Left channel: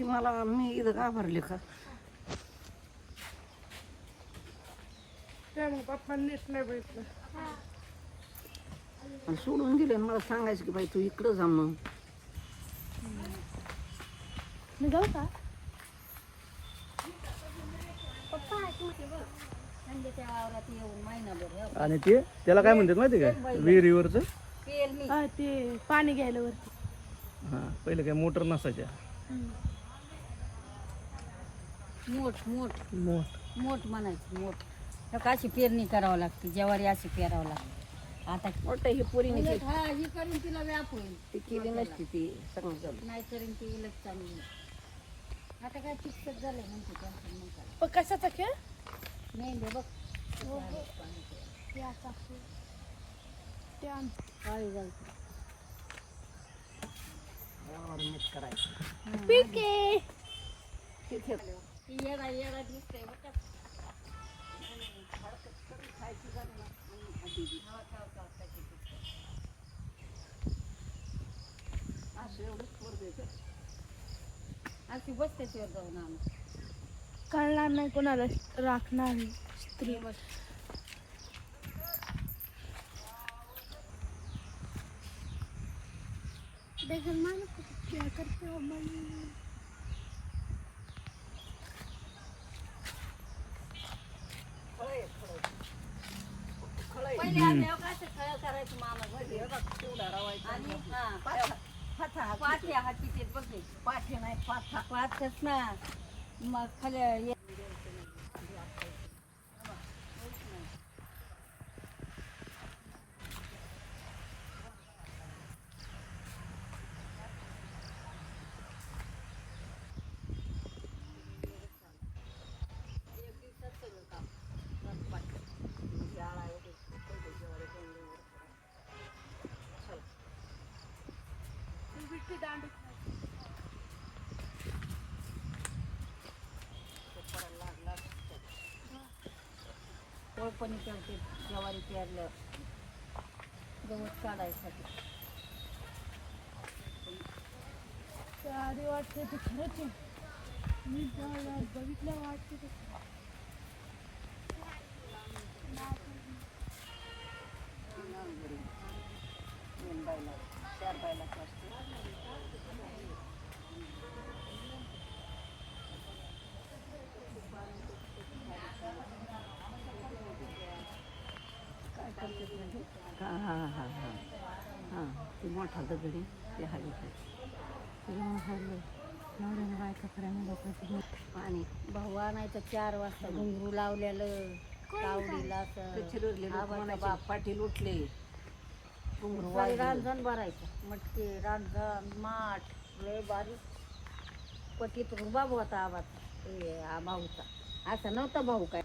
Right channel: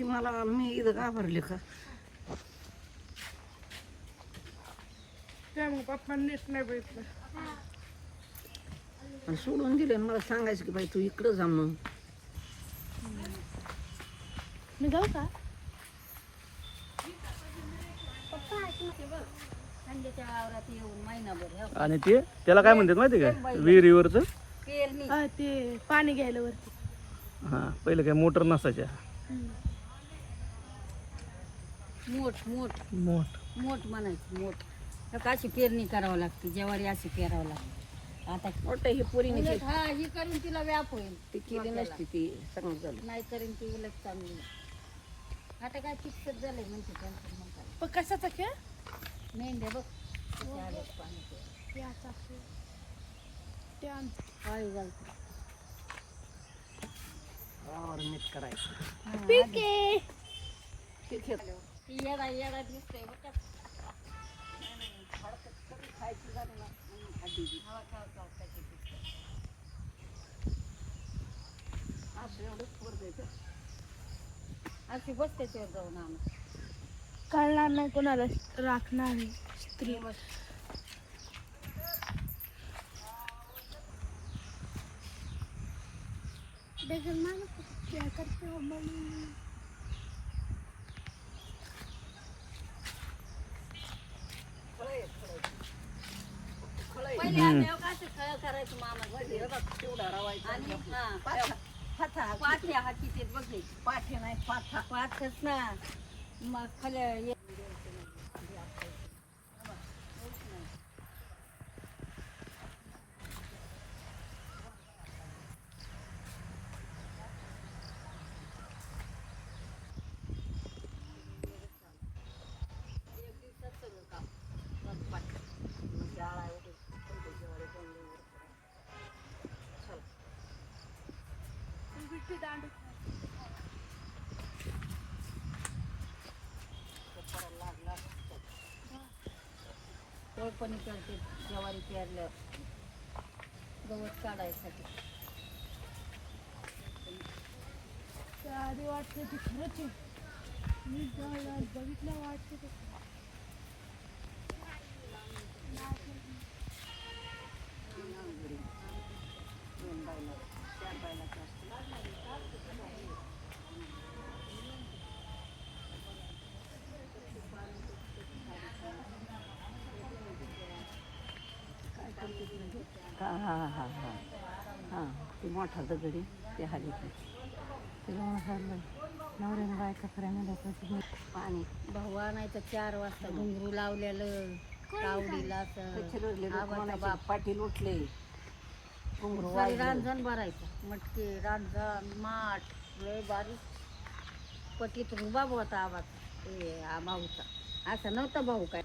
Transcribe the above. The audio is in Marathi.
मला मी इथं का भरले का त्या मग पप्पांनीच नाही बघितलं. आणि सोडून दिलं मला सांगायचं की बाई तू इकडं जा मग मी जाऊ का? आणि ते त्याला काय म्हणतात माहिती काय विहिरीवरचं ते पाणी घ्यायला वरती. हां पहिलं काय मोटर नसायच्या. मोठ मोठ मोठ मोठ म्हणायचं मोठ. अशी पेरणी करावं लागते, ज्वारी अशी पेरावं लागते. आता मोठं ही पोरीने उलट हा ही करून तिला व्याप होईल. ती केली नसती ती सगळं झालं नाही करून ती उलट चांगली. आता काय चिकट झालं म्हणते म्हणतात. पण कशाचा खेळ? मेंढ्या बघ ते असं असतं. ते आमचं. वाळू घालते. नीट करायचं पीक आहे. ठीक आहे ती येडा येडा दिसतंय बघ का. अशी बस त्याच्यावर जाऊन आम्ही कळणार नाही कोणाला राखणार नाही स्त्री. पहिले आल्यावर काय ते करायचं मामा घरी बघ तेवढा रवायचा. पाठ्या हाती ते बघ हे. पाठ्या नाही पाठा पाठच ना मग खाली कोळपणी करते ज्वारी पेरल्यावर गवत काढायसाठी. अरे वाटते ते खरंच आहे. मी बघितलं वाटते ते. हा हा हा हा हां ती मोठा दगडी ते हली पाणी भावा नाही तर 4 वाजता घुंगरू लावलेलं तावडीला बाप पाटील उठले रांजण भरायचं. मटके रांजण माठ लय बारीक पटीत बाबू होता आवाज भाऊचा. असं नव्हतं भाऊ काय.